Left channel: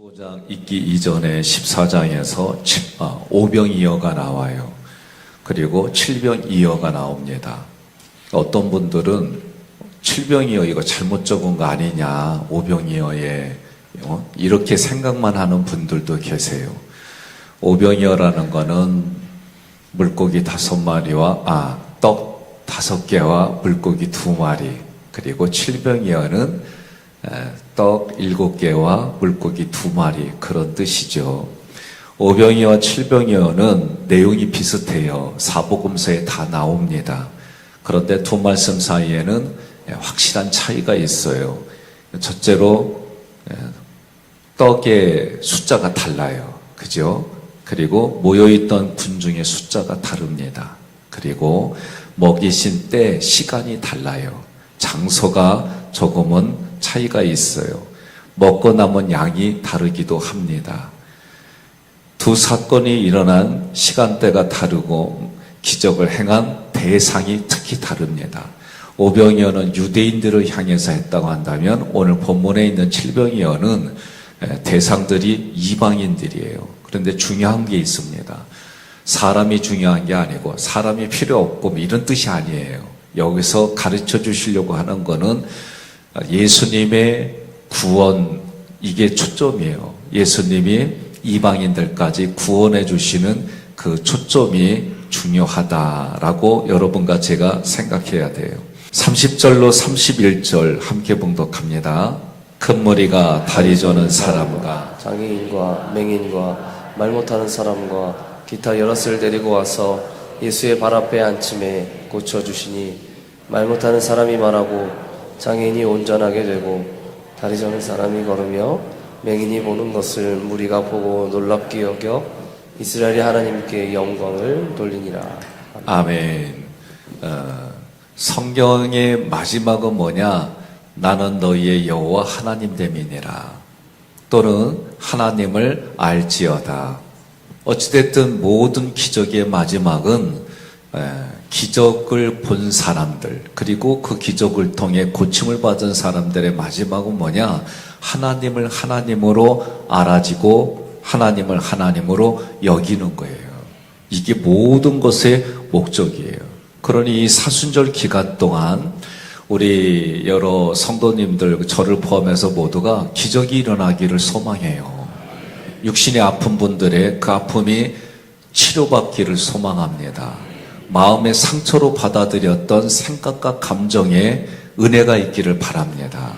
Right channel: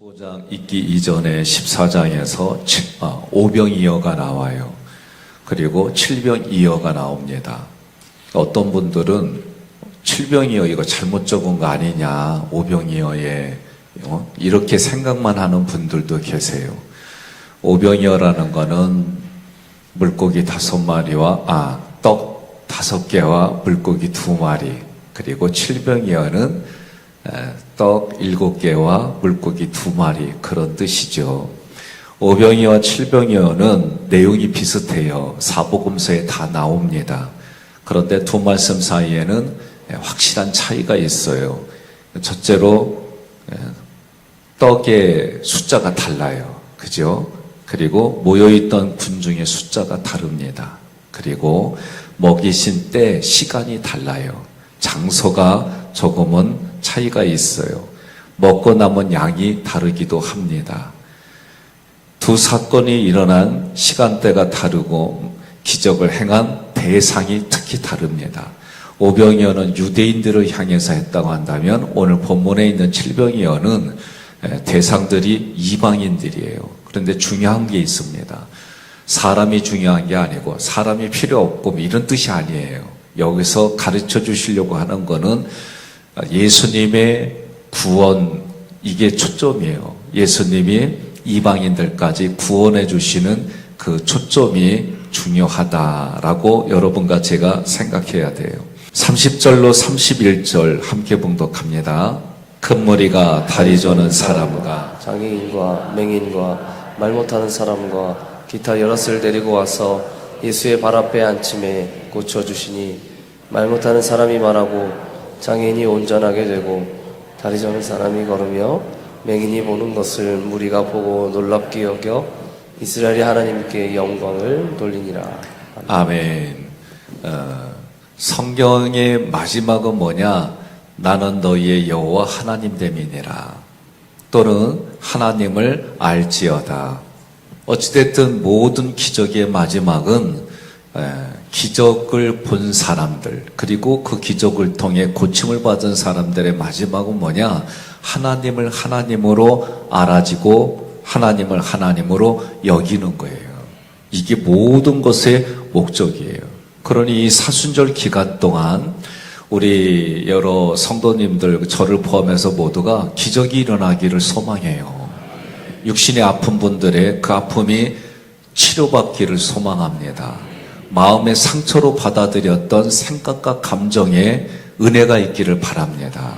15장 읽기 이전에 14장에서 오병이어가 나와요. 그리고 칠병이어가 나옵니다. 어떤 분들은 칠병이어 이거 잘못 적은 거 아니냐, 오병이어에 이렇게 생각만 하는 분들도 계세요. 오병이어라는 거는 물고기 5마리와 떡 5개와 물고기 2마리, 그리고 칠병이어는 떡 7개와 물고기 2마리, 그런 뜻이죠. 오병이어와 칠병이어는 내용이 비슷해요. 사복음서에 다 나옵니다. 그런데 두 말씀 사이에는 확실한 차이가 있어요. 첫째로 떡의 숫자가 달라요. 그죠? 그리고 모여있던 군중의 숫자가 다릅니다. 그리고 먹이신 때 시간이 달라요. 장소가 조금은 차이가 있어요. 먹고 남은 양이 다르기도 합니다. 두 사건이 일어난 시간대가 다르고 기적을 행한 대상이 특히 다릅니다. 오병이어는 유대인들을 향해서 했다고 한다면 오늘 본문에 있는 칠병이어는 대상들이 이방인들이에요. 그런데 중요한 게 있습니다. 사람이 중요한 게 아니고 사람이 필요 없고 이런 뜻이 아니에요. 여기서 가르쳐 주시려고 하는 거는 예수님의 구원, 이게 초점이에요. 예수님이 이방인들까지 구원해 주시는 그 초점이 중요하다라고 여러분과 제가 생각해야 돼요. 30절로 31절 함께 봉독합니다. 큰 무리가 다리 저는 사람과 장애인과 맹인과 말 못하는 사람과 기타 여럿을 데리고 와서 예수의 발 앞에 앉힘에 고쳐주시니 말 못하는 사람이 말하고 장애인이 온전하게 되고 다리 저는 사람이 걸으며 맹인이 보는 것을 무리가 보고 놀랍게 여겨 이스라엘의 하나님께 영광을 돌리니라. 아멘. 성경의 마지막은 뭐냐? 나는 너희의 여호와 하나님 됨이니라. 또는 하나님을 알지어다. 어찌됐든 모든 기적의 마지막은 기적을 본 사람들, 그리고 그 기적을 통해 고침을 받은 사람들의 마지막은 뭐냐? 하나님을 하나님으로 알아지고 하나님을 하나님으로 여기는 거예요. 이게 모든 것의 목적이에요. 그러니 이 사순절 기간 동안 우리 여러 성도님들, 저를 포함해서 모두가 기적이 일어나기를 소망해요. 육신의 아픈 분들의 그 아픔이 치료받기를 소망합니다. 마음의 상처로 받아들였던 생각과 감정에 은혜가 있기를 바랍니다.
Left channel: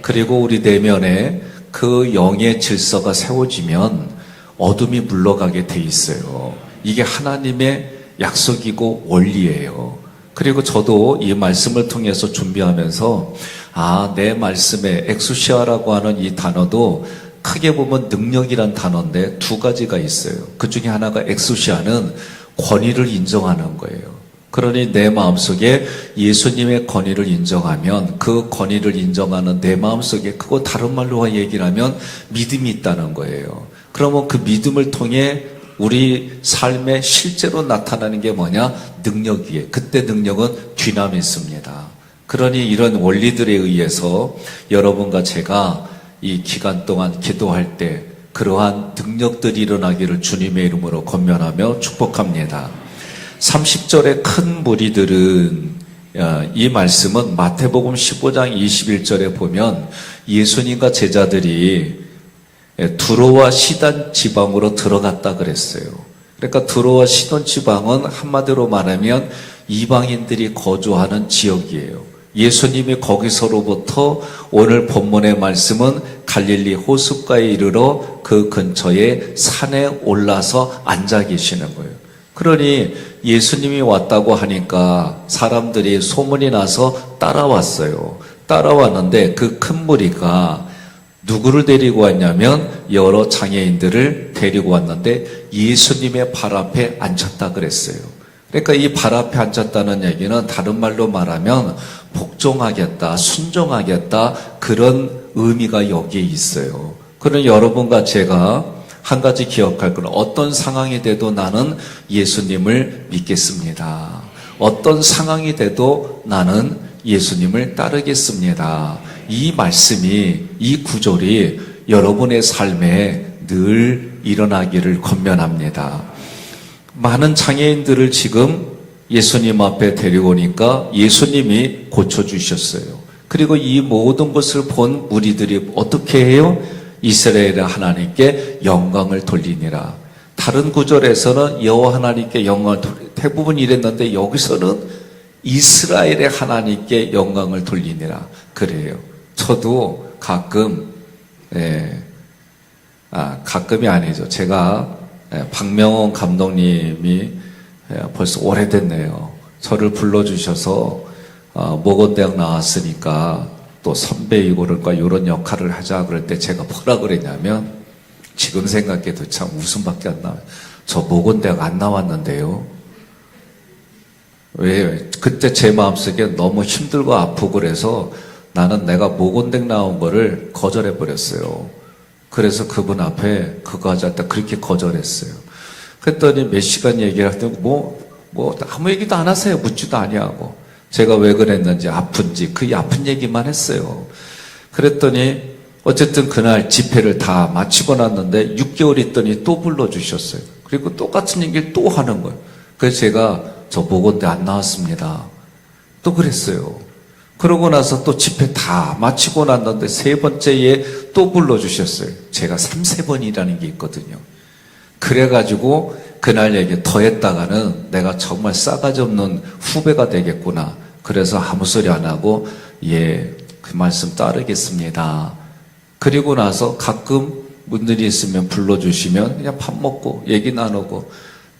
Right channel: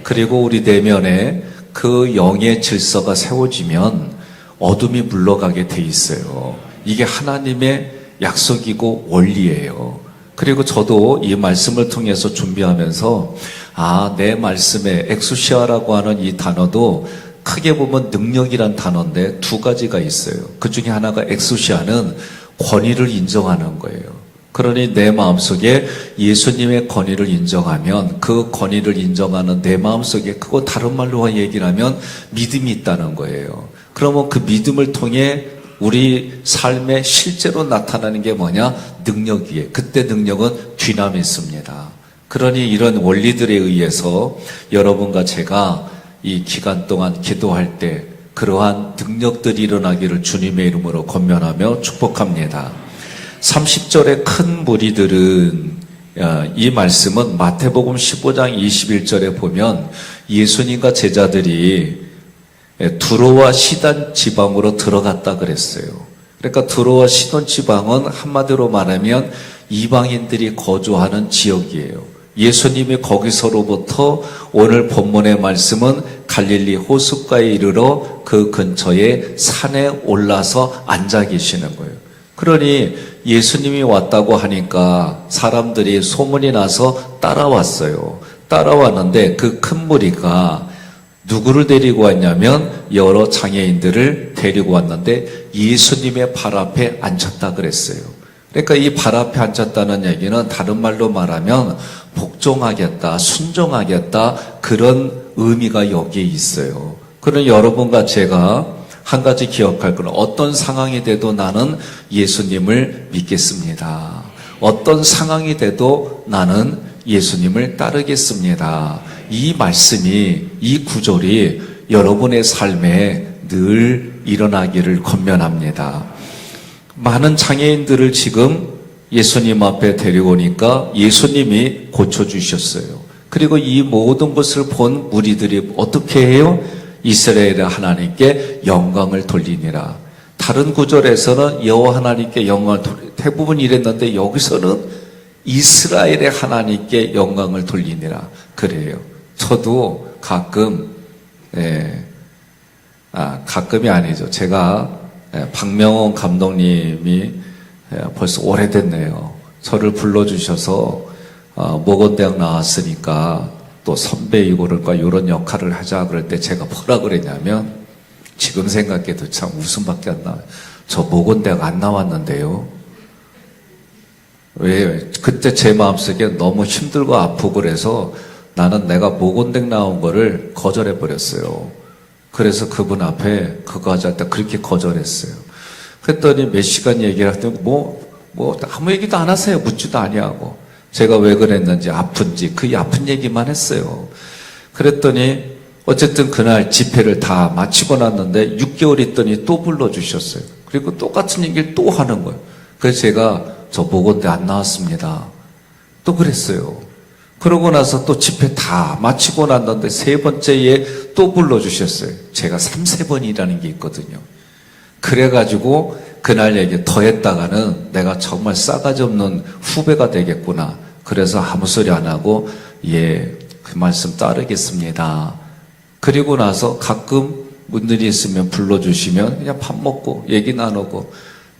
그리고 우리 내면에 그 영의 질서가 세워지면 어둠이 물러가게 돼 있어요. 이게 하나님의 약속이고 원리예요. 그리고 저도 이 말씀을 통해서 준비하면서 내 말씀에 엑수시아라고 하는 이 단어도 크게 보면 능력이란 단어인데 두 가지가 있어요. 그 중에 하나가 엑수시아는 권위를 인정하는 거예요. 그러니 내 마음속에 예수님의 권위를 인정하면 그 권위를 인정하는 내 마음속에, 그거 다른 말로 얘기를 하면 믿음이 있다는 거예요. 그러면 그 믿음을 통해 우리 삶에 실제로 나타나는 게 뭐냐? 능력이에요. 그때 능력은 뒤나미습니다. 그러니 이런 원리들에 의해서 여러분과 제가 이 기간 동안 기도할 때 그러한 능력들이 일어나기를 주님의 이름으로 권면하며 축복합니다. 30절의 큰 무리들은, 이 말씀은 마태복음 15장 21절에 보면 예수님과 제자들이 두로와 시돈 지방으로 들어갔다 그랬어요. 그러니까 두로와 시돈 지방은 한마디로 말하면 이방인들이 거주하는 지역이에요. 예수님이 거기서로부터 오늘 본문의 말씀은 갈릴리 호숫가에 이르러 그 근처에 산에 올라서 앉아 계시는 거예요. 그러니 예수님이 왔다고 하니까 사람들이 소문이 나서 따라왔어요. 따라왔는데 그 큰 무리가 누구를 데리고 왔냐면 여러 장애인들을 데리고 왔는데 예수님의 발 앞에 앉혔다 그랬어요. 그러니까 이 발 앞에 앉혔다는 얘기는 다른 말로 말하면 복종하겠다, 순종하겠다, 그런 의미가 여기에 있어요. 그러니 여러분과 제가 한 가지 기억할 건, 어떤 상황이 돼도 나는 예수님을 믿겠습니다. 어떤 상황이 돼도 나는 예수님을 따르겠습니다. 이 말씀이, 이 구절이 여러분의 삶에 늘 일어나기를 권면합니다. 많은 장애인들을 지금 예수님 앞에 데려오니까 예수님이 고쳐주셨어요. 그리고 이 모든 것을 본 무리들이 어떻게 해요? 이스라엘의 하나님께 영광을 돌리니라. 다른 구절에서는 여호와 하나님께 영광을 돌리니라. 대부분 이랬는데 여기서는 이스라엘의 하나님께 영광을 돌리니라. 그래요. 저도 가끔, 가끔이 아니죠. 제가 박명훈 감독님이 벌써 오래됐네요. 저를 불러주셔서 모건대학 나왔으니까 또 선배이고 그럴까 이런 역할을 하자 그럴 때 제가 뭐라 그랬냐면 지금 생각해도 참 웃음밖에 안 나와요. 저 모건대학 안 나왔는데요. 왜? 그때 제 마음속에 너무 힘들고 아프고 그래서 나는 내가 모건대학 나온 거를 거절해버렸어요. 그래서 그분 앞에 그거 하자 때 그렇게 거절했어요. 그랬더니 몇 시간 얘기를 하더니 아무 얘기도 안 하세요. 묻지도 아니하고. 제가 왜 그랬는지 아픈지 그 아픈 얘기만 했어요. 그랬더니 어쨌든 그날 집회를 다 마치고 났는데 6개월 있더니 또 불러주셨어요. 그리고 똑같은 얘기를 또 하는 거예요. 그래서 제가 저 모건대 안 나왔습니다. 또 그랬어요. 그러고 나서 또 집회 다 마치고 났는데 세 번째에 또 불러주셨어요. 제가 3~4번이라는 게 있거든요. 그래가지고 그날 얘기 더 했다가는 내가 정말 싸가지 없는 후배가 되겠구나. 그래서 아무 소리 안 하고 그 말씀 따르겠습니다. 그리고 나서 가끔 분들이 있으면 불러주시면 그냥 밥 먹고 얘기 나누고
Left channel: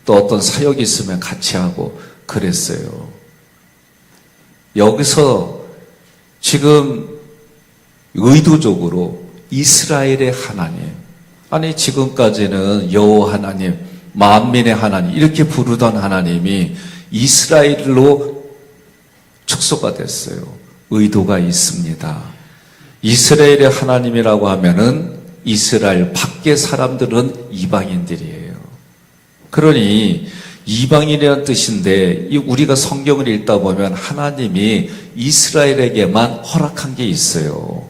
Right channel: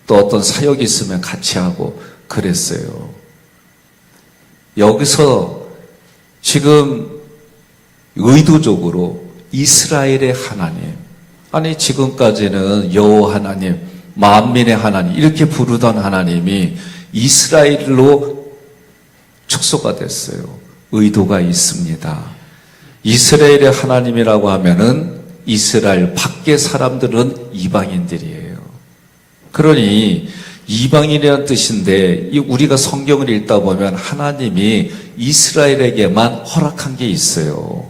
또 어떤 사역이 있으면 같이 하고 그랬어요. 여기서 지금 의도적으로 이스라엘의 하나님, 아니 지금까지는 여호와 하나님, 만민의 하나님 이렇게 부르던 하나님이 이스라엘로 축소가 됐어요. 의도가 있습니다. 이스라엘의 하나님이라고 하면은 이스라엘 밖의 사람들은 이방인들이에요. 그러니 이방인이라는 뜻인데 우리가 성경을 읽다 보면 하나님이 이스라엘에게만 허락한 게 있어요.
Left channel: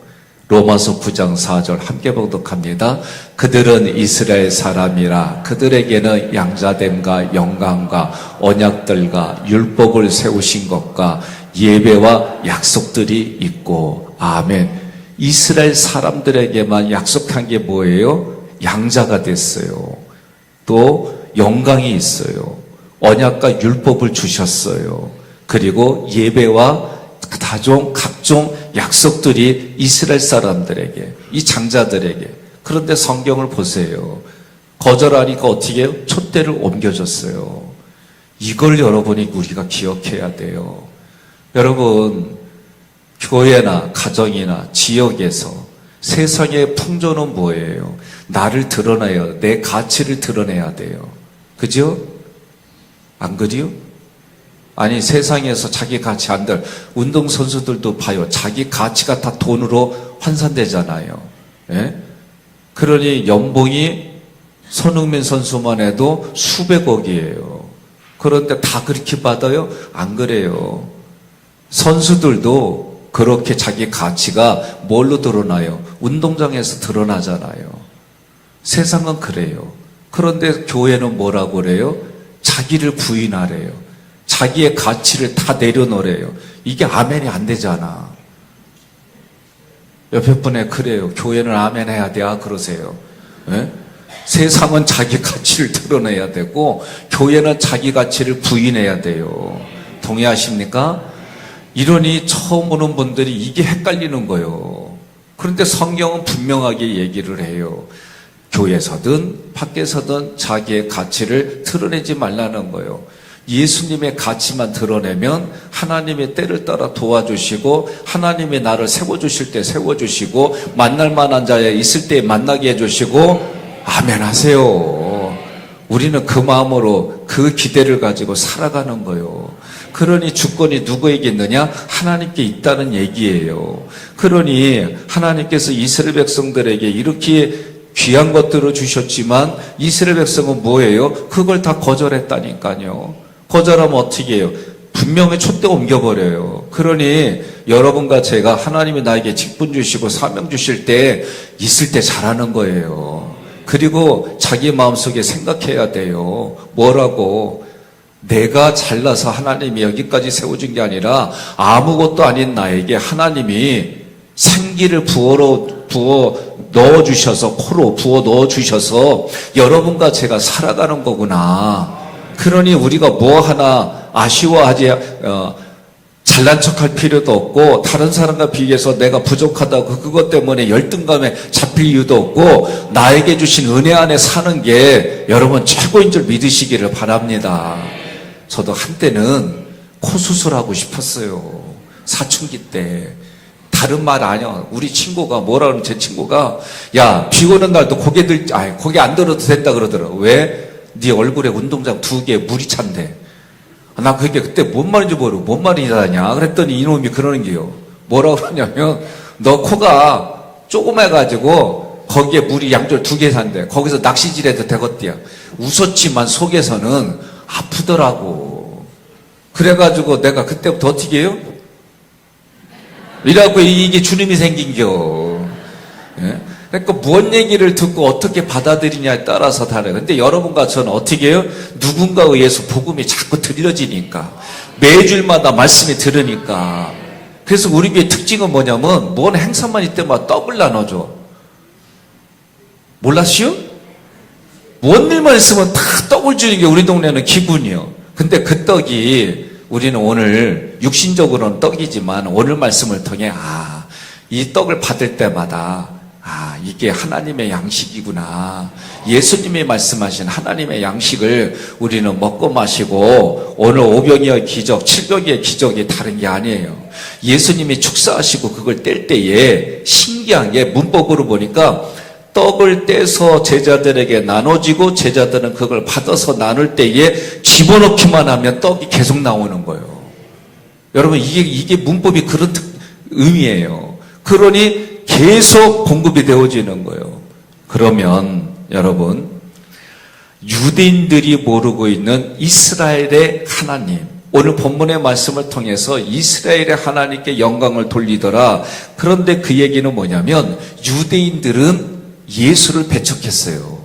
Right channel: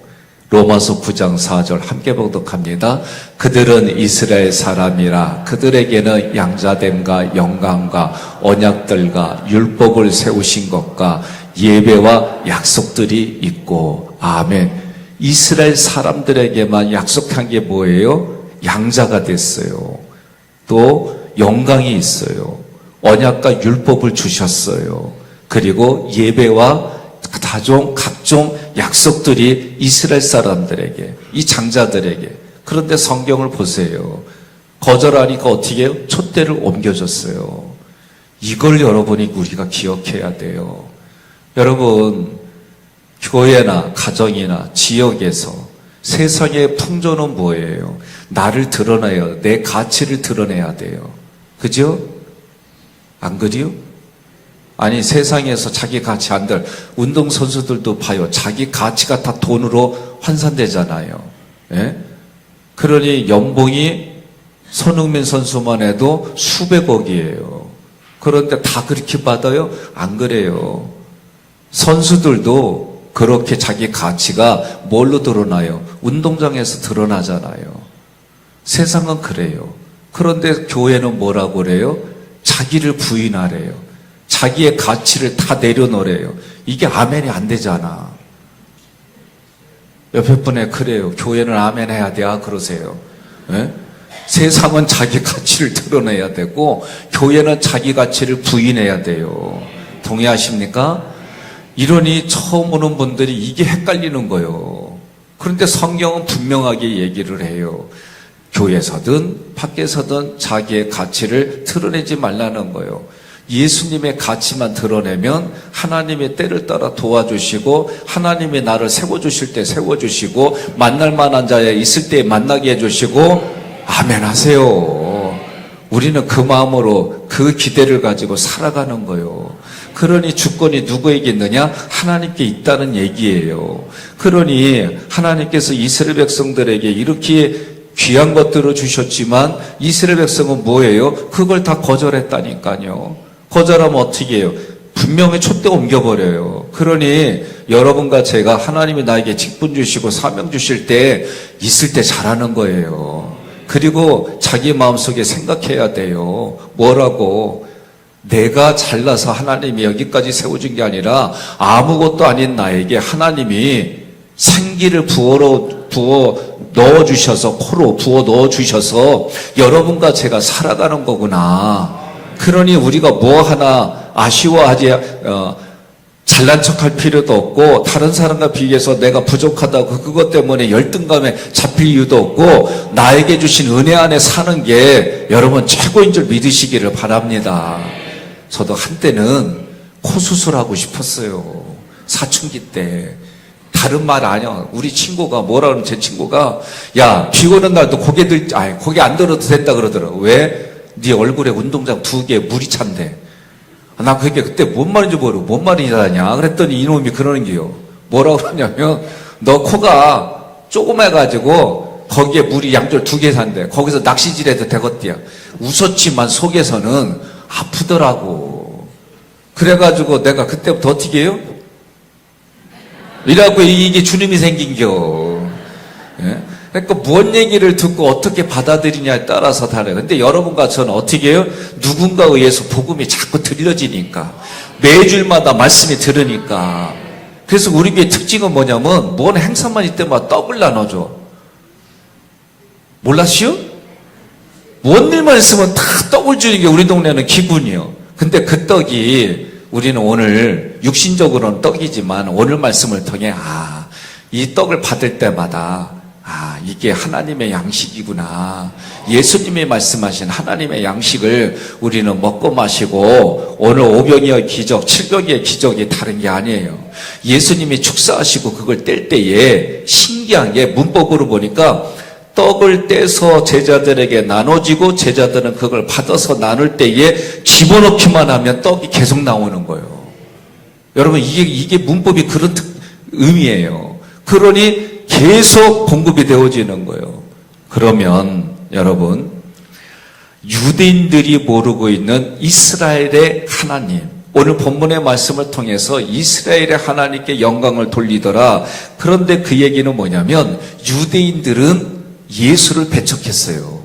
로마서 9장 4절 함께 봉독합니다. 그들은 이스라엘 사람이라 그들에게는 양자됨과 영광과 언약들과 율법을 세우신 것과 예배와 약속들이 있고 아멘. 이스라엘 사람들에게만 약속한 게 뭐예요? 양자가 됐어요. 또 영광이 있어요. 언약과 율법을 주셨어요. 그리고 예배와 각종 약속들이 이스라엘 사람들에게, 이 장자들에게. 그런데 성경을 보세요. 거절하니까 어떻게 해요? 촛대를 옮겨줬어요. 이걸 여러분이 우리가 기억해야 돼요. 여러분, 교회나 가정이나 지역에서 세상의 풍조는 뭐예요? 나를 드러내야 돼요. 내 가치를 드러내야 돼요. 그죠? 안 그래요? 아니 세상에서 자기 가치 안 들 운동선수들도 봐요. 자기 가치가 다 돈으로 환산되잖아요. 예? 그러니 연봉이 손흥민 선수만 해도 수백억이에요. 그런데 다 그렇게 받아요? 안 그래요. 선수들도 그렇게 자기 가치가 뭘로 드러나요? 운동장에서 드러나잖아요. 세상은 그래요. 그런데 교회는 뭐라고 그래요? 자기를 부인하래요. 자기의 가치를 다 내려놓으래요. 이게 아멘이 안 되잖아. 옆에 분에 그래요. 교회는 아멘 해야 돼. 그러세요. 네? 세상은 자기 가치를 드러내야 되고 교회는 자기 가치를 부인해야 돼요. 동의하십니까? 이러니 처음 오는 분들이 이게 헷갈리는 거예요. 그런데 성경은 분명하게 얘기를 해요. 교회에서든 밖에서든 자기의 가치를 드러내지 말라는 거예요. 예수님의 가치만 드러내면 하나님의 때를 따라 도와주시고 하나님의 나를 세워주실 때 세워주시고 만날 만한 자에 있을 때 만나게 해주시고 아멘 하세요. 우리는 그 마음으로 그 기대를 가지고 살아가는 거예요. 그러니 주권이 누구에게 있느냐? 하나님께 있다는 얘기예요. 그러니 하나님께서 이스라엘 백성들에게 이렇게 귀한 것들을 주셨지만 이스라엘 백성은 뭐예요? 그걸 다 거절했다니까요. 거절하면 어떻게 해요? 분명히 촛대 옮겨버려요. 그러니 여러분과 제가 하나님이 나에게 직분 주시고 사명 주실 때 있을 때 잘하는 거예요. 그리고 자기 마음속에 생각해야 돼요. 뭐라고? 내가 잘나서 하나님이 여기까지 세워준 게 아니라 아무것도 아닌 나에게 하나님이 생기를 부어 넣어주셔서, 코로 부어 넣어주셔서 여러분과 제가 살아가는 거구나. 그러니 우리가 뭐 하나 아쉬워하지, 잘난 척할 필요도 없고, 다른 사람과 비교해서 내가 부족하다고 그것 때문에 열등감에 잡힐 이유도 없고, 나에게 주신 은혜 안에 사는 게 여러분 최고인 줄 믿으시기를 바랍니다. 저도 한때는 코 수술하고 싶었어요. 사춘기 때. 다른 말 아니야. 우리 친구가 뭐라 그러면 제 친구가, 야, 비 오는 날도 고개 안 들어도 된다 그러더라고. 왜? 네 얼굴에 운동장 2개 물이 찬대. 나 그게 그때 뭔 말인지 모르고 뭔 말이냐냐 그랬더니 이놈이 그러는 게요. 뭐라고 그러냐면, 너 코가 조그매가지고 거기에 물이 양쪽 2개 산대. 거기서 낚시질 해도 되겠대요. 웃었지만 속에서는 아프더라고. 그래가지고 내가 그때부터 어떻게 해요? 이라고 이게 주님이 생긴겨. 예? 그러니까 무언 얘기를 듣고 어떻게 받아들이냐에 따라서 다르요. 근데 여러분과 저는 어떻게 해요? 누군가에 의해서 복음이 자꾸 들려지니까. 매주일마다 말씀이 들으니까. 그래서 우리 교회 특징은 뭐냐면, 무언 행사만 있을 때마다 떡을 나눠줘. 몰랐시요? 무언 일만 있으면 다 떡을 주는 게 우리 동네는 기분이요. 근데 그 떡이 우리는 오늘 육신적으로는 떡이지만 오늘 말씀을 통해 이 떡을 받을 때마다 이게 하나님의 양식이구나. 예수님이 말씀하신 하나님의 양식을 우리는 먹고 마시고 오늘 5병의 기적, 7병의 기적이 다른 게 아니에요. 예수님이 축사하시고 그걸 뗄 때에 신기한 게 문법으로 보니까 떡을 떼서 제자들에게 나눠지고 제자들은 그걸 받아서 나눌 때에 집어넣기만 하면 떡이 계속 나오는 거예요. 여러분 이게 문법이 그런 의미예요. 그러니 계속 공급이 되어지는 거예요. 그러면 여러분 유대인들이 모르고 있는 이스라엘의 하나님, 오늘 본문의 말씀을 통해서 이스라엘의 하나님께 영광을 돌리더라. 그런데 그 얘기는 뭐냐면 유대인들은 예수를 배척했어요.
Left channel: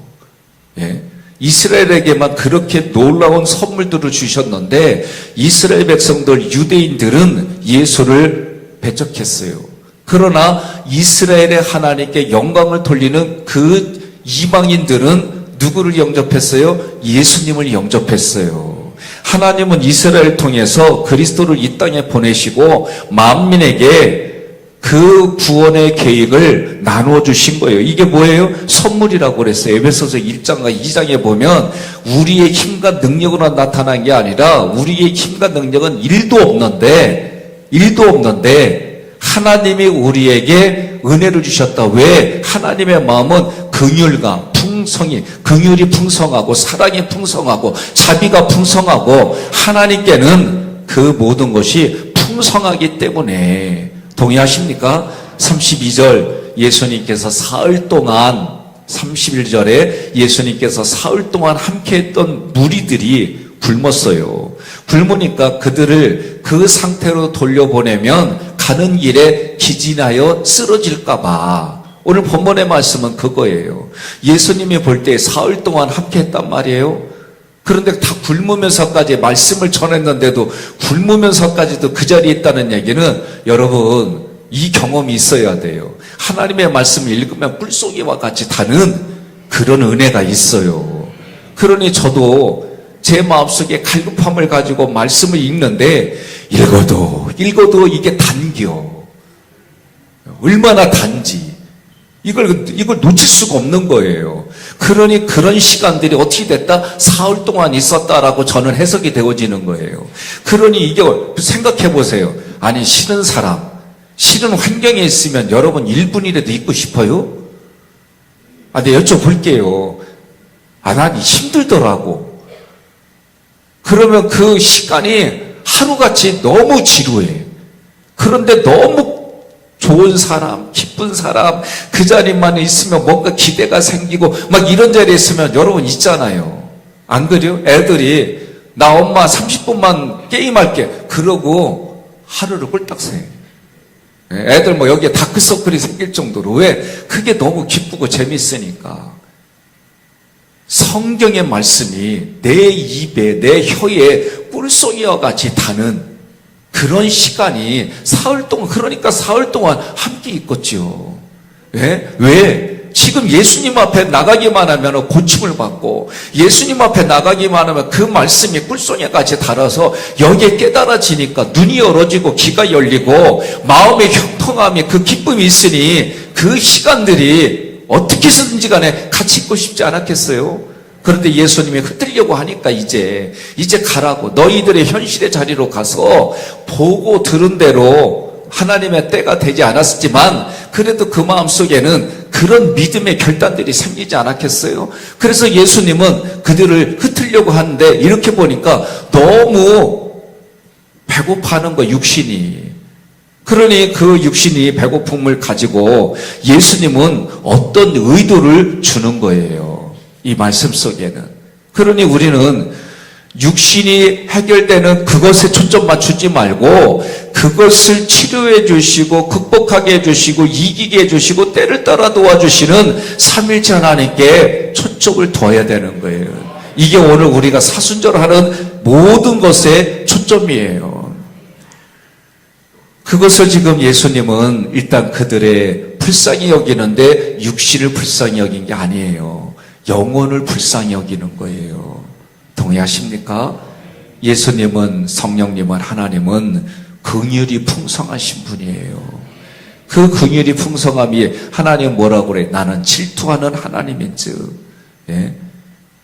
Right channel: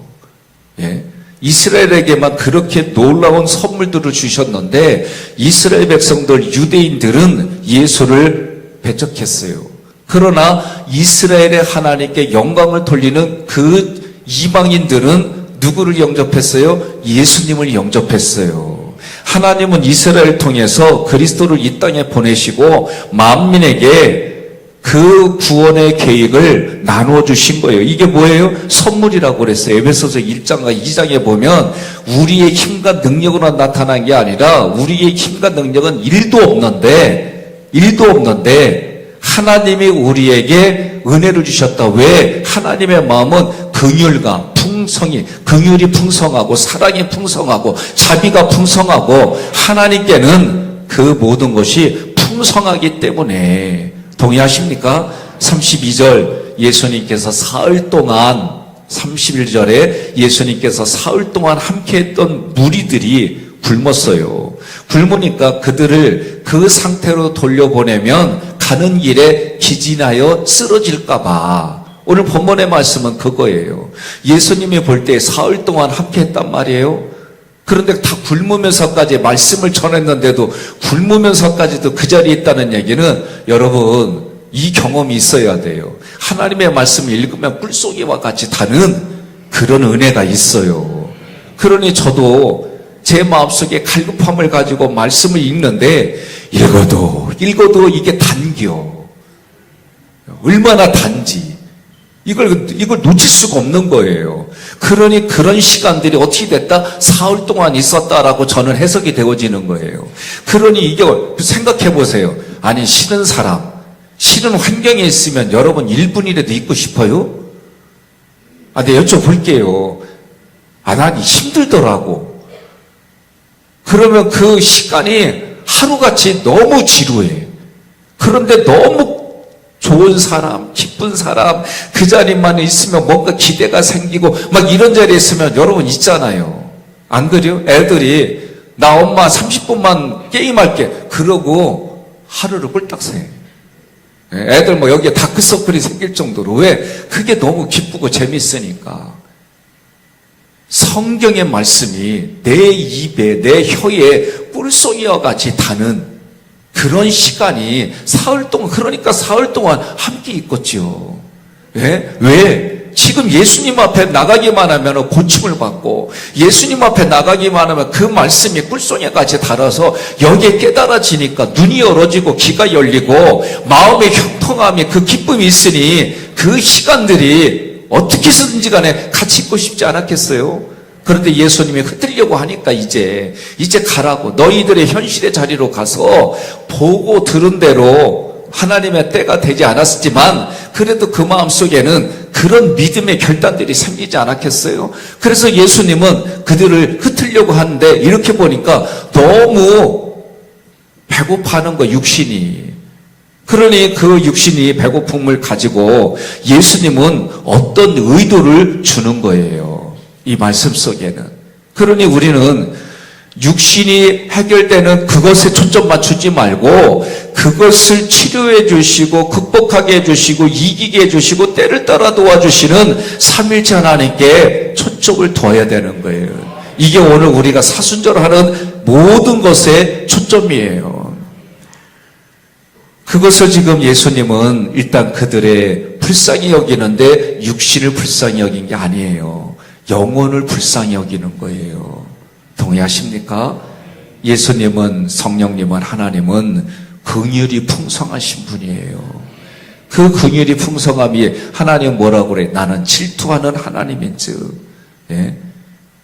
예? 이스라엘에게만 그렇게 놀라운 선물들을 주셨는데 이스라엘 백성들, 유대인들은 예수를 배척했어요. 그러나 이스라엘의 하나님께 영광을 돌리는 그 이방인들은 누구를 영접했어요? 예수님을 영접했어요. 하나님은 이스라엘을 통해서 그리스도를 이 땅에 보내시고 만민에게 그 구원의 계획을 나누어 주신 거예요. 이게 뭐예요? 선물이라고 그랬어요. 에베소서 1장과 2장에 보면 우리의 힘과 능력으로 나타난 게 아니라 우리의 힘과 능력은 1도 없는데 하나님이 우리에게 은혜를 주셨다. 왜? 하나님의 마음은 긍휼과 풍성이, 긍휼이 풍성하고 사랑이 풍성하고 자비가 풍성하고 하나님께는 그 모든 것이 풍성하기 때문에. 동의하십니까? 32절 예수님께서 사흘 동안 31절에 예수님께서 사흘 동안 함께했던 무리들이 굶었어요. 굶으니까 그들을 그 상태로 돌려보내면 가는 길에 기진하여 쓰러질까봐. 오늘 본문의 말씀은 그거예요. 예수님이 볼 때 사흘 동안 함께했단 말이에요. 그런데 다 굶으면서까지 말씀을 전했는데도 굶으면서까지도 그 자리에 있다는 얘기는 여러분 이 경험이 있어야 돼요. 하나님의 말씀을 읽으면 꿀속이와 같이 다는 그런 은혜가 있어요. 그러니 저도 제 마음속에 갈급함을 가지고 말씀을 읽는데 읽어도 이게 단겨. 얼마나 단지. 이걸 놓칠 수가 없는 거예요. 그러니 그런 시간들이 어떻게 됐다? 사흘 동안 있었다라고 저는 해석이 되어지는 거예요. 그러니 이게 생각해 보세요. 아니 싫은 사람, 싫은 환경에 있으면 여러분 1분이라도 있고 싶어요? 네, 여쭤볼게요. 난 힘들더라고. 그러면 그 시간이 하루같이 너무 지루해. 그런데 너무 좋은 사람, 기쁜 사람, 그 자리만 있으면 뭔가 기대가 생기고 막 이런 자리에 있으면 여러분 있잖아요. 안 그래요? 애들이 나 엄마 30분만 게임할게. 그러고 하루를 꿀딱 새. 애들 뭐 여기에 다크서클이 생길 정도로. 왜? 그게 너무 기쁘고 재밌으니까. 성경의 말씀이 내 입에, 내 혀에 꿀송이와 같이 닿는 그런 시간이 사흘 동안, 그러니까 사흘 동안 함께 있겠지요. 왜? 지금 예수님 앞에 나가기만 하면 고침을 받고, 예수님 앞에 나가기만 하면 그 말씀이 꿀송이같이 달아서 여기에 깨달아지니까 눈이 열어지고 귀가 열리고 마음의 형통함이, 그 기쁨이 있으니 그 시간들이 어떻게 해서든지 간에 같이 있고 싶지 않았겠어요? 그런데 예수님이 흩으려고 하니까 이제 가라고, 너희들의 현실의 자리로 가서 보고 들은 대로 하나님의 때가 되지 않았지만 그래도 그 마음속에는 그런 믿음의 결단들이 생기지 않았겠어요? 그래서 예수님은 그들을 흩으려고 하는데 이렇게 보니까 너무 배고파하는 거, 육신이. 그러니 그 육신이 배고픔을 가지고 예수님은 어떤 의도를 주는 거예요. 이 말씀 속에는. 그러니 우리는 육신이 해결되는 그것에 초점 맞추지 말고 그것을 치료해 주시고 극복하게 해주시고 이기게 해주시고 때를 따라 도와주시는 삼일째 하나님께 초점을 둬야 되는 거예요. 이게 오늘 우리가 사순절하는 모든 것의 초점이에요. 그것을 지금 예수님은 일단 그들의 불쌍히 여기는데 육신을 불쌍히 여긴 게 아니에요. 영혼을 불쌍히 여기는 거예요. 동의하십니까? 예수님은, 성령님은, 하나님은 긍휼이 풍성하신 분이에요. 그 긍휼이 풍성함이 하나님 뭐라고 그래? 나는 질투하는 하나님인즉. 예?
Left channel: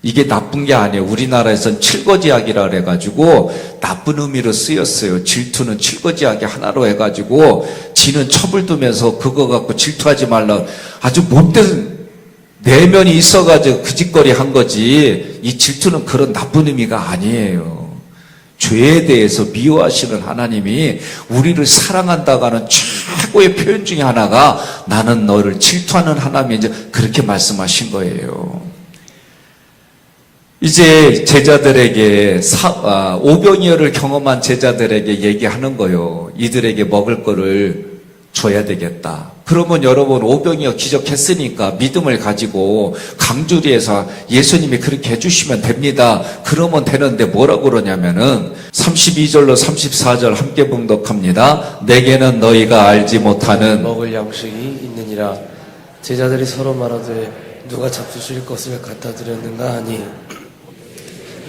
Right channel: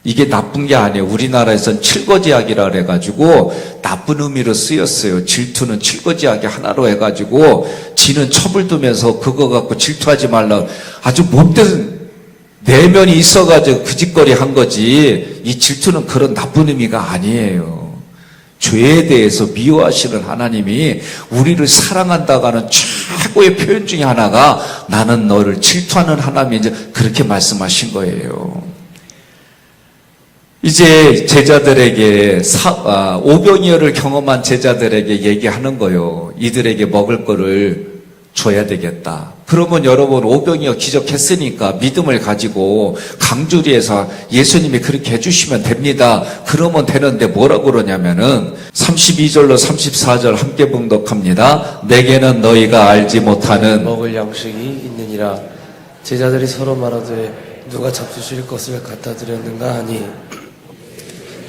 이게 나쁜 게 아니에요. 우리나라에서는 칠거지약이라 해가지고 나쁜 의미로 쓰였어요. 질투는 칠거지약이 하나로 해가지고 지는 첩을 두면서 그거 갖고 질투하지 말라. 아주 못된 내면이 있어가지고 그 짓거리 한 거지, 이 질투는 그런 나쁜 의미가 아니에요. 죄에 대해서 미워하시는 하나님이 우리를 사랑한다고 하는 최고의 표현 중에 하나가 나는 너를 질투하는 하나님이지, 그렇게 말씀하신 거예요. 이제 제자들에게 오병이어를 경험한 제자들에게 얘기하는 거예요. 이들에게 먹을 거를 줘야 되겠다. 그러면 여러분, 오병이어 기적했으니까 믿음을 가지고 강주리에서 예수님이 그렇게 해주시면 됩니다. 그러면 되는데 뭐라고 그러냐면은 32절로 34절 함께 봉독합니다. 내게는 너희가 알지 못하는 먹을 양식이 있느니라. 제자들이 서로 말하되 누가 잡수실 것을 갖다 드렸는가 하니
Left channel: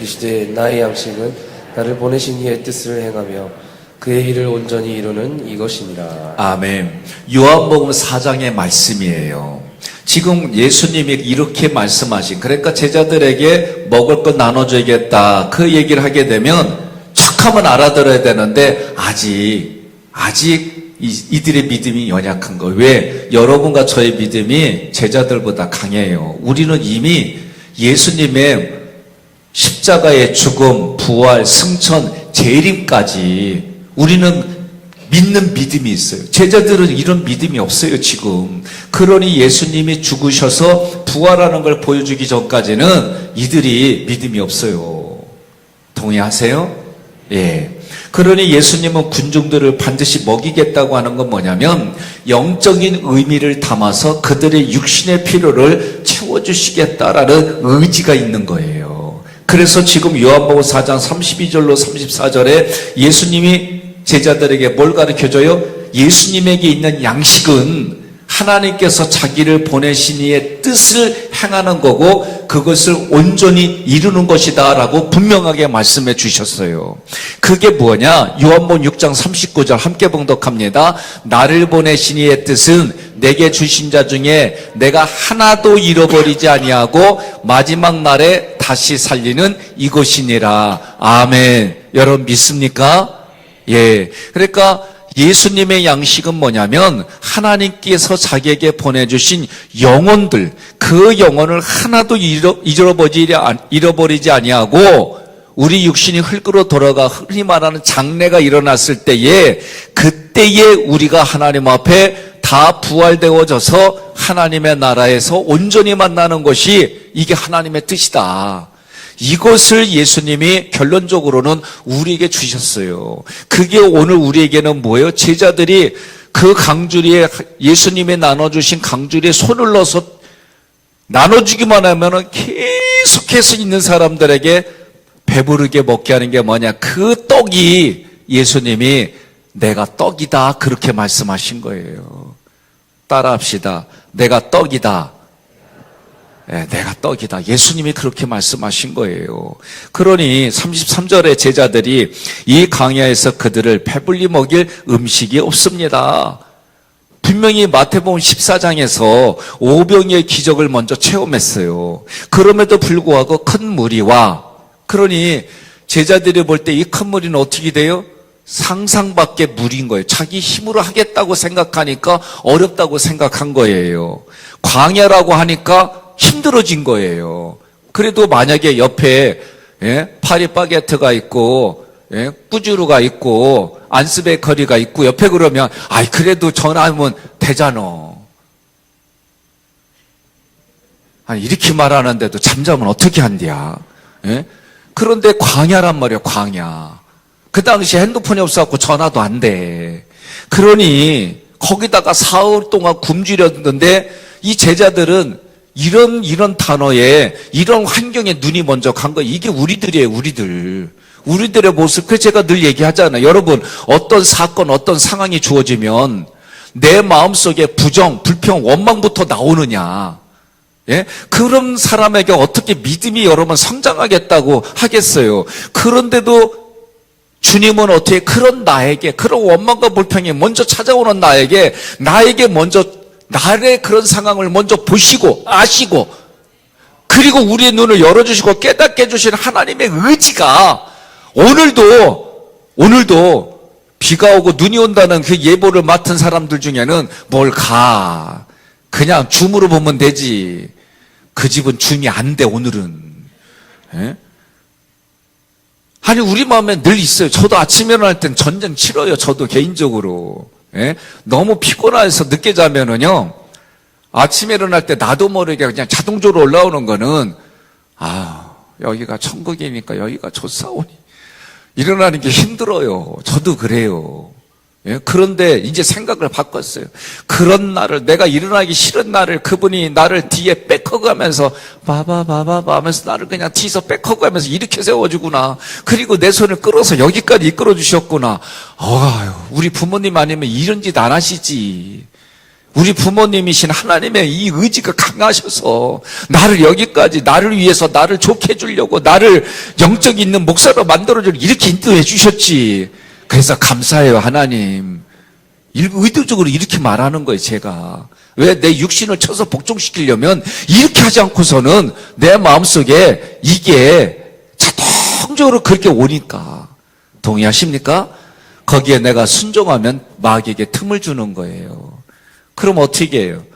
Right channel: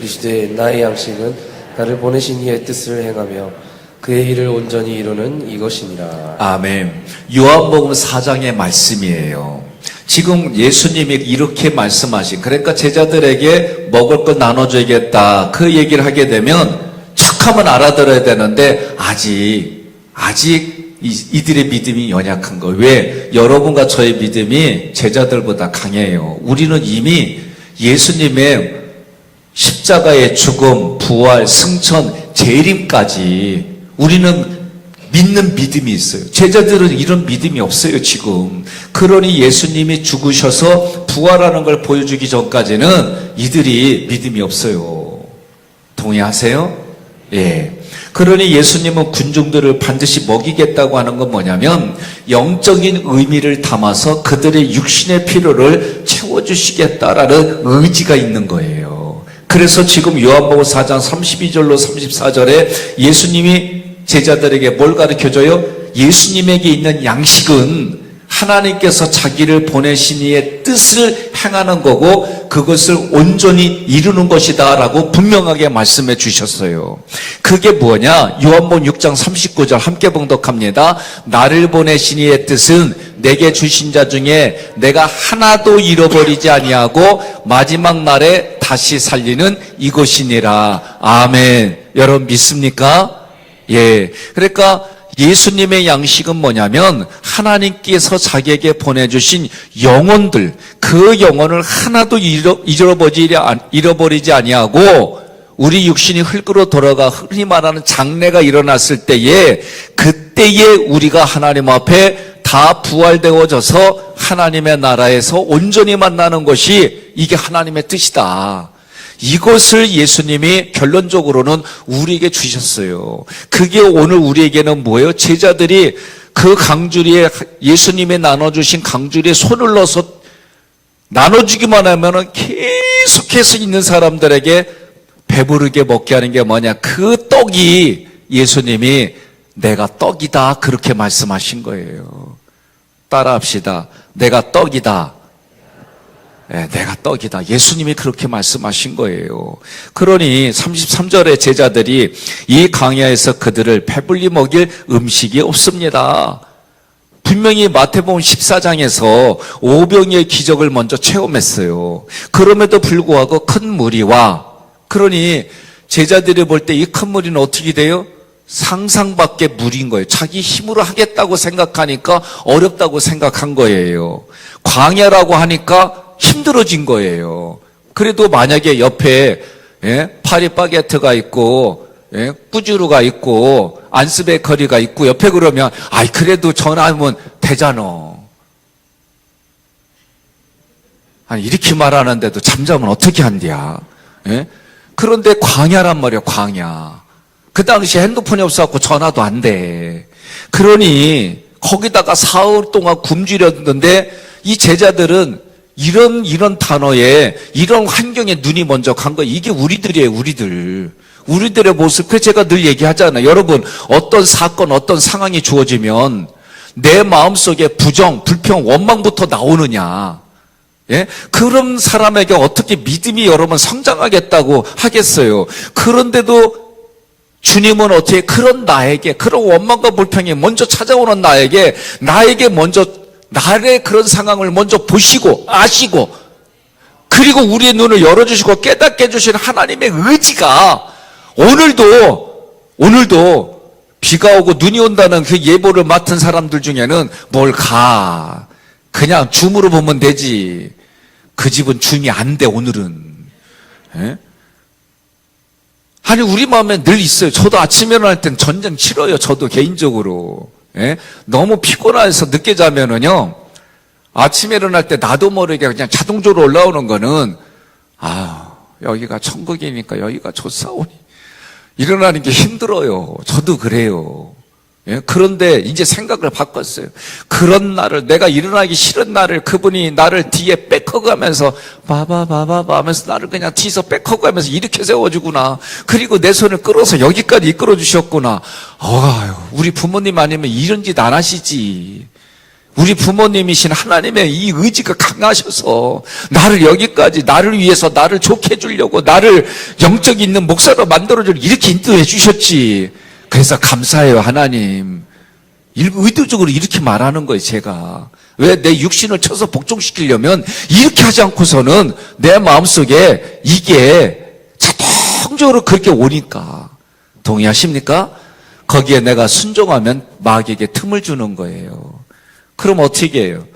이시되 나의 양식은 나를 보내신 이의 뜻을 행하며 그의 일을 온전히 이루는 이것이니라. 아멘. 요한복음 4장의 말씀이에요. 지금 예수님이 이렇게 말씀하신, 그러니까 제자들에게 먹을 거 나눠줘야겠다, 그 얘기를 하게 되면 척하면 알아들어야 되는데 아직 이들의 믿음이 연약한 거. 왜? 여러분과 저의 믿음이 제자들보다 강해요. 우리는 이미 예수님의 십자가의 죽음, 부활, 승천, 재림까지 우리는 믿는 믿음이 있어요. 제자들은 이런 믿음이 없어요, 지금. 그러니 예수님이 죽으셔서 부활하는 걸 보여주기 전까지는 이들이 믿음이 없어요. 동의하세요? 예. 그러니 예수님은 군중들을 반드시 먹이겠다고 하는 건 뭐냐면 영적인 의미를 담아서 그들의 육신의 필요를 채워주시겠다라는 의지가 있는 거예요. 그래서 지금 요한복음 4장 32절로 34절에 예수님이 제자들에게 뭘 가르쳐줘요? 예수님에게 있는 양식은 하나님께서 자기를 보내신 이의 뜻을 행하는 거고 그것을 온전히 이루는 것이다 라고 분명하게 말씀해 주셨어요. 그게 뭐냐? 요한복음 6장 39절 함께 봉독합니다. 나를 보내신 이의 뜻은 내게 주신 자 중에 내가 하나도 잃어버리지 아니하고 마지막 날에 다시 살리는 이것이니라. 아멘. 여러분 믿습니까? 예. 그러니까 예수님의 양식은 뭐냐면 하나님께서 자기에게 보내주신 영혼들, 그 영혼을 하나도 잃어버리지 아니하고 우리 육신이 흙으로 돌아가 흔히 말하는 장래가 일어났을 때에 그때에 우리가 하나님 앞에 다 부활되어져서 하나님의 나라에서 온전히 만나는 것이 이게 하나님의 뜻이다. 이것을 예수님이 결론적으로는 우리에게 주셨어요. 그게 오늘 우리에게는 뭐예요? 제자들이 그 강주리에 예수님이 나눠주신 강주리에 손을 넣어서 나눠주기만 하면은 계속해서 있는 사람들에게 배부르게 먹게 하는 게 뭐냐? 그 떡이 예수님이 내가 떡이다 그렇게 말씀하신 거예요. 따라합시다. 내가 떡이다. 네, 내가 떡이다. 예수님이 그렇게 말씀하신 거예요. 그러니 33절에 제자들이 이 광야에서 그들을 배불리 먹일 음식이 없습니다. 분명히 마태복음 14장에서 오병이의 기적을 먼저 체험했어요. 그럼에도 불구하고 큰 무리와, 그러니 제자들이 볼 때 이 큰 무리는 어떻게 돼요? 상상 밖의 무리인 거예요. 자기 힘으로 하겠다고 생각하니까 어렵다고 생각한 거예요. 광야라고 하니까 힘들어진 거예요. 그래도 만약에 옆에 파리바게트가 있고 꾸주루가 있고 안스베이커리가 있고 옆에 그러면 아이 그래도 전화하면 되잖아. 이렇게 말하는데도 잠자면 어떻게 한디야? 그런데 광야란 말이야. 광야. 그 당시에 핸드폰이 없어갖고 전화도 안 돼. 그러니 거기다가 사흘 동안 굶주렸는데 이 제자들은 이런 단어에 이런 환경에 눈이 먼저 간 거예요. 이게 우리들이에요. 우리들의 모습. 그 제가 늘 얘기하잖아요. 여러분 어떤 사건 어떤 상황이 주어지면 내 마음속에 부정 불평 원망부터 나오느냐. 그런 사람에게 어떻게 믿음이 여러분 성장하겠다고 하겠어요. 그런데도 주님은 어떻게 그런 나에게 그런 원망과 불평이 먼저 찾아오는 나에게 먼저 나의 그런 상황을 먼저 보시고 아시고 그리고 우리의 눈을 열어주시고 깨닫게 해주신 하나님의 의지가 오늘도 비가 오고 눈이 온다는 그 예보를 맡은 사람들 중에는 뭘 가. 그냥 줌으로 보면 되지. 그 집은 줌이 안 돼, 오늘은. 아니, 우리 마음에 늘 있어요. 저도 아침에 일어날 땐 전쟁 치러요. 저도 개인적으로. 너무 피곤해서 늦게 자면은요, 아침에 일어날 때 나도 모르게 그냥 자동적으로 올라오는 거는, 여기가 천국이니까 여기가 좋사오니. 일어나는 게 힘들어요. 저도 그래요. 그런데 이제 생각을 바꿨어요. 그런 날을, 내가 일어나기 싫은 날을 그분이 나를 뒤에 백허가면서 바바바바바 하면서 나를 그냥 뒤에서 백허가면서 이렇게 세워주구나. 그리고 내 손을 끌어서 여기까지 이끌어 주셨구나. 우리 부모님 아니면 이런 짓 안 하시지. 우리 부모님이신 하나님의 이 의지가 강하셔서 나를 여기까지 나를 위해서 나를 좋게 해주려고 나를 영적 있는 목사로 만들어주려고 이렇게 인도해 주셨지. 그래서 감사해요, 하나님. 의도적으로 이렇게 말하는 거예요, 제가. 왜 내 육신을 쳐서 복종시키려면 이렇게 하지 않고서는 내 마음속에 이게 자동적으로 그렇게 오니까. 동의하십니까? 거기에 내가 순종하면 마귀에게 틈을 주는 거예요. 그럼 어떻게 해요?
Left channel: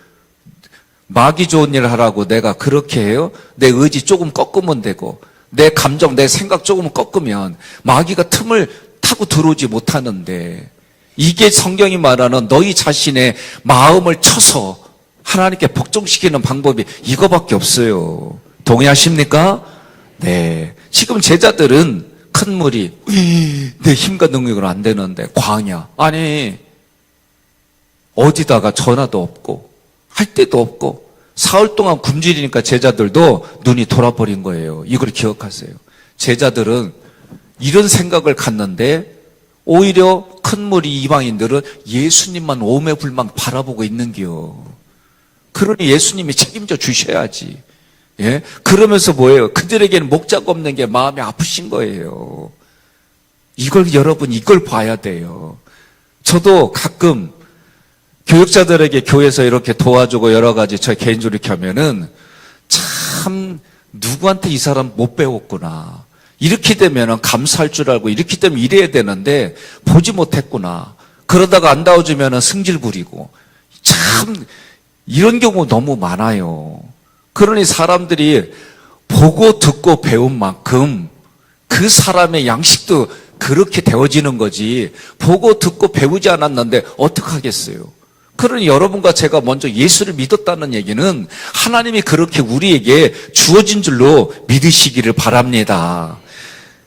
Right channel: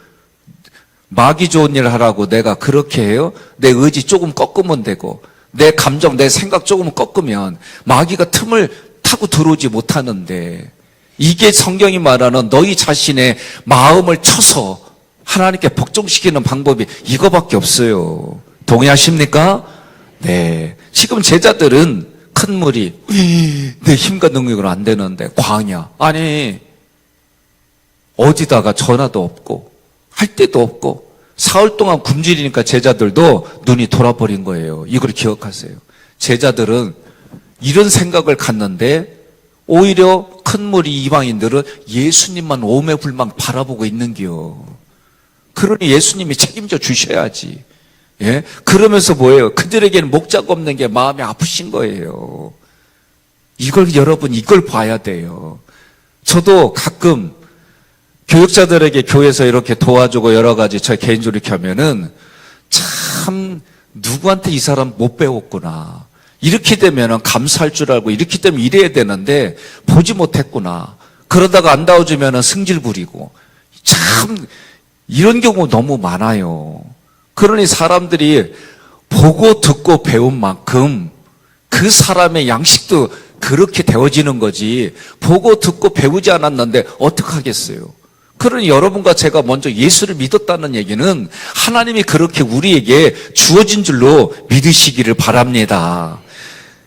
마귀 좋은 일 하라고 내가 그렇게 해요? 내 의지 조금 꺾으면 되고 내 감정, 내 생각 조금 꺾으면 마귀가 틈을 타고 들어오지 못하는데 이게 성경이 말하는 너희 자신의 마음을 쳐서 하나님께 복종시키는 방법이 이거밖에 없어요. 동의하십니까? 네. 지금 제자들은 큰 무리, 내 힘과 능력으로 안 되는데 광야. 아니 어디다가 전화도 없고 할 데도 없고 사흘 동안 굶주리니까 제자들도 눈이 돌아버린 거예요. 이걸 기억하세요. 제자들은 이런 생각을 갖는데 오히려 큰 무리 이방인들은 예수님만 오매불망 바라보고 있는겨. 그러니 예수님이 책임져 주셔야지. 그러면서 뭐예요? 그들에게는 목자가 없는 게 마음이 아프신 거예요. 여러분 이걸 봐야 돼요. 저도 가끔 교육자들에게 교회에서 이렇게 도와주고 여러 가지 저 개인적으로 이렇게 하면은 참 누구한테 이 사람 못 배웠구나. 이렇게 되면 감사할 줄 알고 이렇게 되면 이래야 되는데 보지 못했구나. 그러다가 안 나와주면 승질 부리고 참 이런 경우 너무 많아요. 그러니 사람들이 보고 듣고 배운 만큼 그 사람의 양식도 그렇게 되어지는 거지. 보고 듣고 배우지 않았는데 어떡하겠어요. 그러니 여러분과 제가 먼저 예수를 믿었다는 얘기는 하나님이 그렇게 우리에게 주어진 줄로 믿으시기를 바랍니다.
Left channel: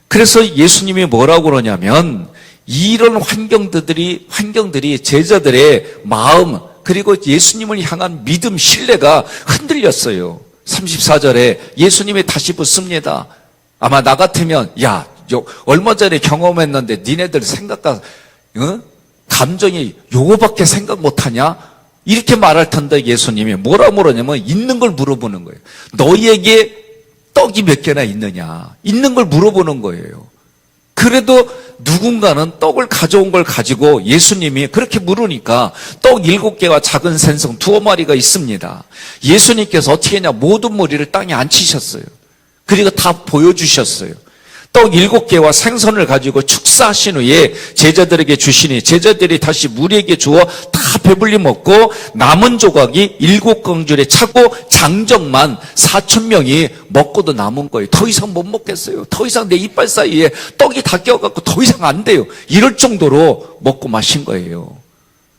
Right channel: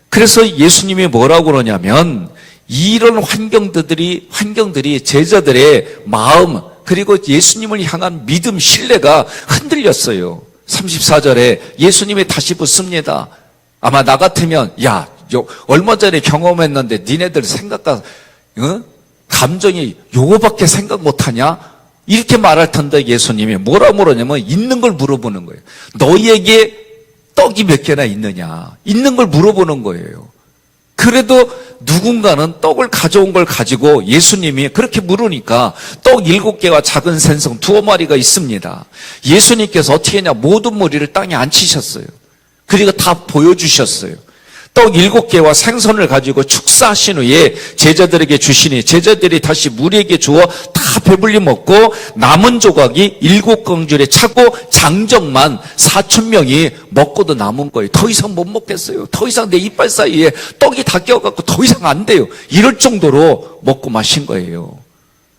그래서 예수님이 뭐라고 그러냐면 이런 환경들이 제자들의 마음 그리고 예수님을 향한 믿음, 신뢰가 흔들렸어요. 34절에 예수님이 다시 묻습니다. 아마 나 같으면 야, 얼마 전에 경험했는데 니네들 생각과 감정이 요거밖에 생각 못하냐? 이렇게 말할 텐데 예수님이 뭐라 물으냐면 있는 걸 물어보는 거예요. 너희에게 떡이 몇 개나 있느냐? 있는 걸 물어보는 거예요. 그래도 누군가는 떡을 가져온 걸 가지고 예수님이 그렇게 물으니까 떡 7개와 작은 생선 2마리가 있습니다. 예수님께서 어떻게 했냐? 모든 무리를 땅에 앉히셨어요. 그리고 다 보여주셨어요. 떡 7개와 생선을 가지고 축사하신 후에 제자들에게 주시니 제자들이 다시 무리에게 주어 다 배불리 먹고 남은 조각이 7긍줄에 차고 장정만 4,000명이 먹고도 남은 거예요. 더 이상 못 먹겠어요. 더 이상 내 이빨 사이에 떡이 다 껴갖고 더 이상 안 돼요. 이럴 정도로 먹고 마신 거예요.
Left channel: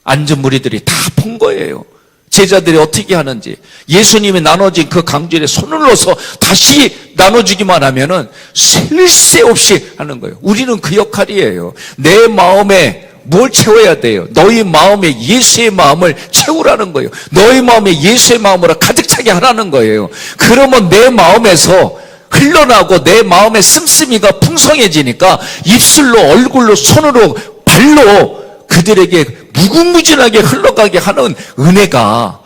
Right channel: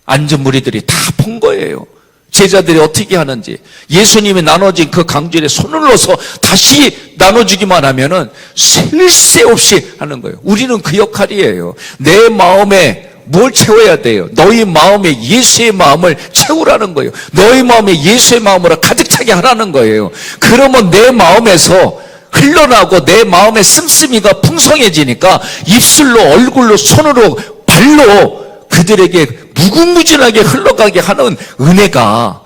앉은 무리들이 다 본 거예요. 제자들이 어떻게 하는지 예수님이 나눠진 그 강줄에 손을 넣어서 다시 나눠주기만 하면은 쉴 새 없이 하는 거예요. 우리는 그 역할이에요. 내 마음에 뭘 채워야 돼요? 너희 마음에 예수의 마음을 채우라는 거예요. 너희 마음에 예수의 마음으로 가득 차게 하라는 거예요. 그러면 내 마음에서 흘러나고 내 마음의 씀씀이가 풍성해지니까 입술로 얼굴로 손으로 발로 그들에게 무궁무진하게 흘러가게 하는 은혜가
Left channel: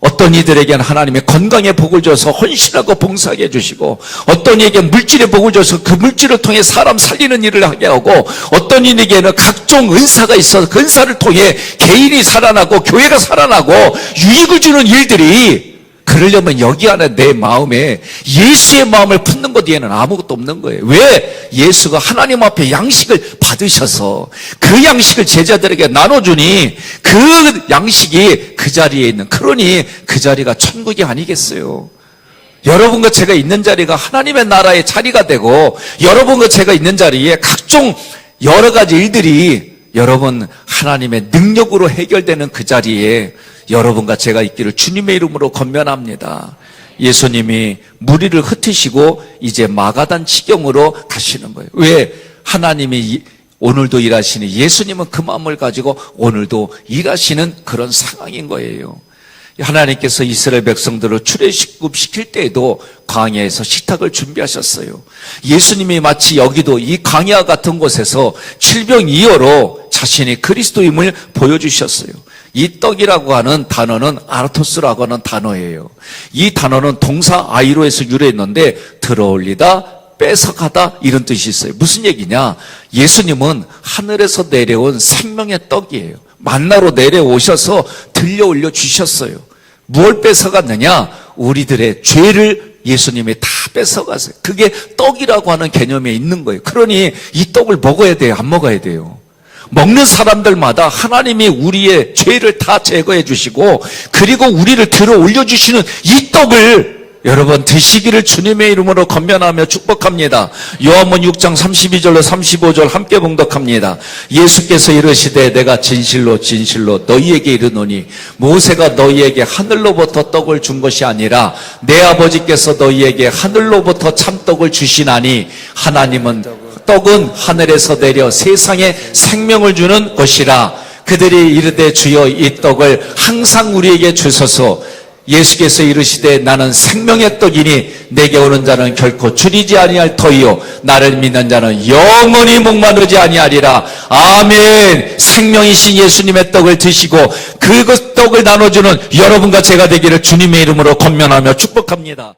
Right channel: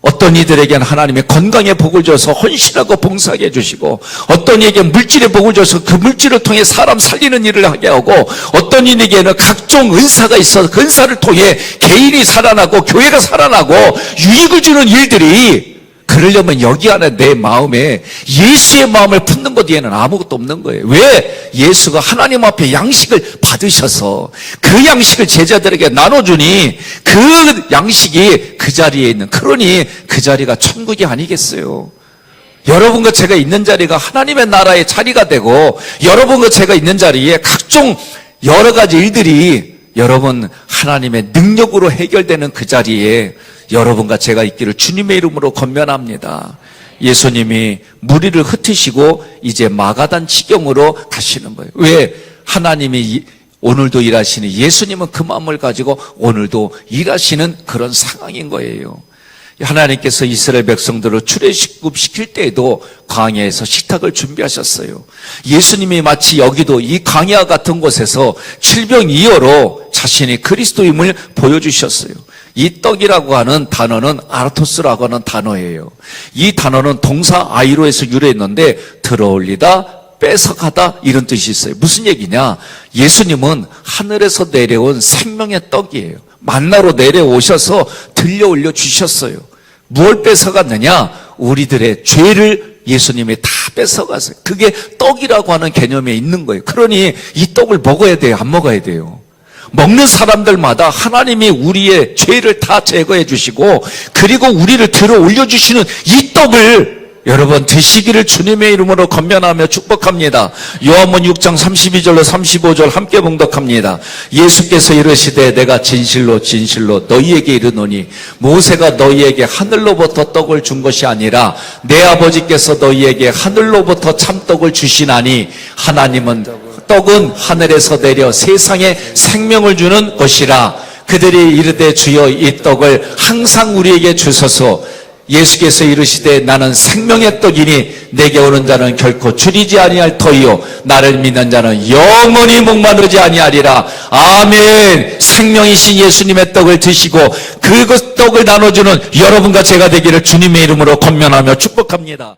어떤 이들에게는 하나님의 건강의 복을 줘서 헌신하고 봉사하게 해주시고 어떤 이에게 물질의 복을 줘서 그 물질을 통해 사람 살리는 일을 하게 하고 어떤 이에게는 각종 은사가 있어서 그 은사를 통해 개인이 살아나고 교회가 살아나고 유익을 주는 일들이 그러려면 여기 안에 내 마음에 예수의 마음을 품는 것 뒤에는 아무것도 없는 거예요. 왜? 예수가 하나님 앞에 양식을 받으셔서 그 양식을 제자들에게 나눠주니 그 양식이 그 자리에 있는 그러니 그 자리가 천국이 아니겠어요. 여러분과 제가 있는 자리가 하나님의 나라의 자리가 되고 여러분과 제가 있는 자리에 각종 여러 가지 일들이 여러분 하나님의 능력으로 해결되는 그 자리에 여러분과 제가 있기를 주님의 이름으로 권면합니다. 예수님이 무리를 흩으시고 이제 마가단 지경으로 가시는 거예요. 왜? 하나님이 오늘도 일하시니 예수님은 그 마음을 가지고 오늘도 일하시는 그런 상황인 거예요. 하나님께서 이스라엘 백성들을 출애굽시킬 때에도 광야에서 식탁을 준비하셨어요. 예수님이 마치 여기도 이 광야 같은 곳에서 질병이어로 자신의 그리스도임을 보여주셨어요. 이 떡이라고 하는 단어는 아르토스라고 하는 단어예요. 이 단어는 동사 아이로에서 유래했는데 들어올리다, 뺏어가다 이런 뜻이 있어요. 무슨 얘기냐? 예수님은 하늘에서 내려온 생명의 떡이에요. 만나로 내려오셔서 들려 올려 주셨어요. 무엇을 뺏어갔느냐? 우리들의 죄를 예수님이 다 뺏어갔어요. 그게 떡이라고 하는 개념에 있는 거예요. 그러니 이 떡을 먹어야 돼요? 안 먹어야 돼요? 먹는 사람들마다 하나님이 우리의 죄를 다 제거해 주시고 그리고 우리를 들어 올려주시는 이 떡을 여러분 드시기를 주님의 이름으로 권면하며 축복합니다. 요한복음 6장 32절로 35절 함께 봉독합니다. 예수께서 이르시되 내가 진실로 진실로 너희에게 이르노니 모세가 너희에게 하늘로부터 떡을 준 것이 아니라 내 아버지께서 너희에게 하늘로부터 참떡을 주시나니 하나님은 떡은 하늘에서 내려 세상에 생명을 주는 것이라. 그들이 이르되 주여 이 떡을 항상 우리에게 주소서. 예수께서 이르시되 나는 생명의 떡이니 내게 오는 자는 결코 줄이지 아니할 터이요 나를 믿는 자는 영원히 목마르지 아니하리라. 아멘. 생명이신 예수님의 떡을 드시고 그 떡을 나눠주는 여러분과 제가 되기를 주님의 이름으로 권면하며 축복합니다.